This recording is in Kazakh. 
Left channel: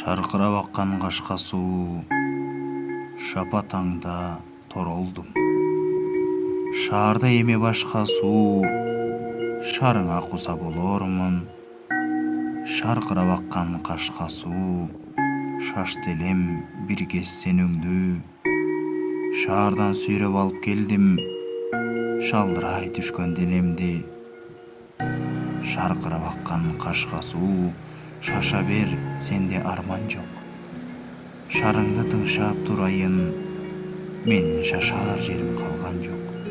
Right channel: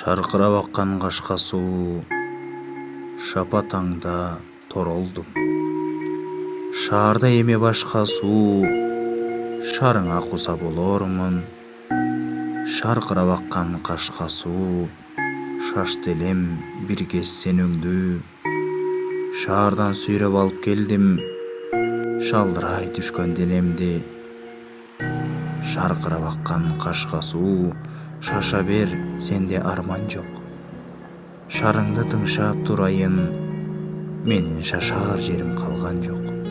Шарқырап аққан қашқа су, шапатаңда торолдым. Шарда еме башқа су, шарыңа қуса болормын. Шарқырап аққан қашқа су, шашты елем бір кез сен өңді. Шардан сүйреп алып келдім, шалдырай түшкөн денемді. Шарқырап аққан қашқа су, шаша бер, сенде арман жоқ. Шарыңды тыңшап тұрайын, менің шашар жерім қалған жоқ.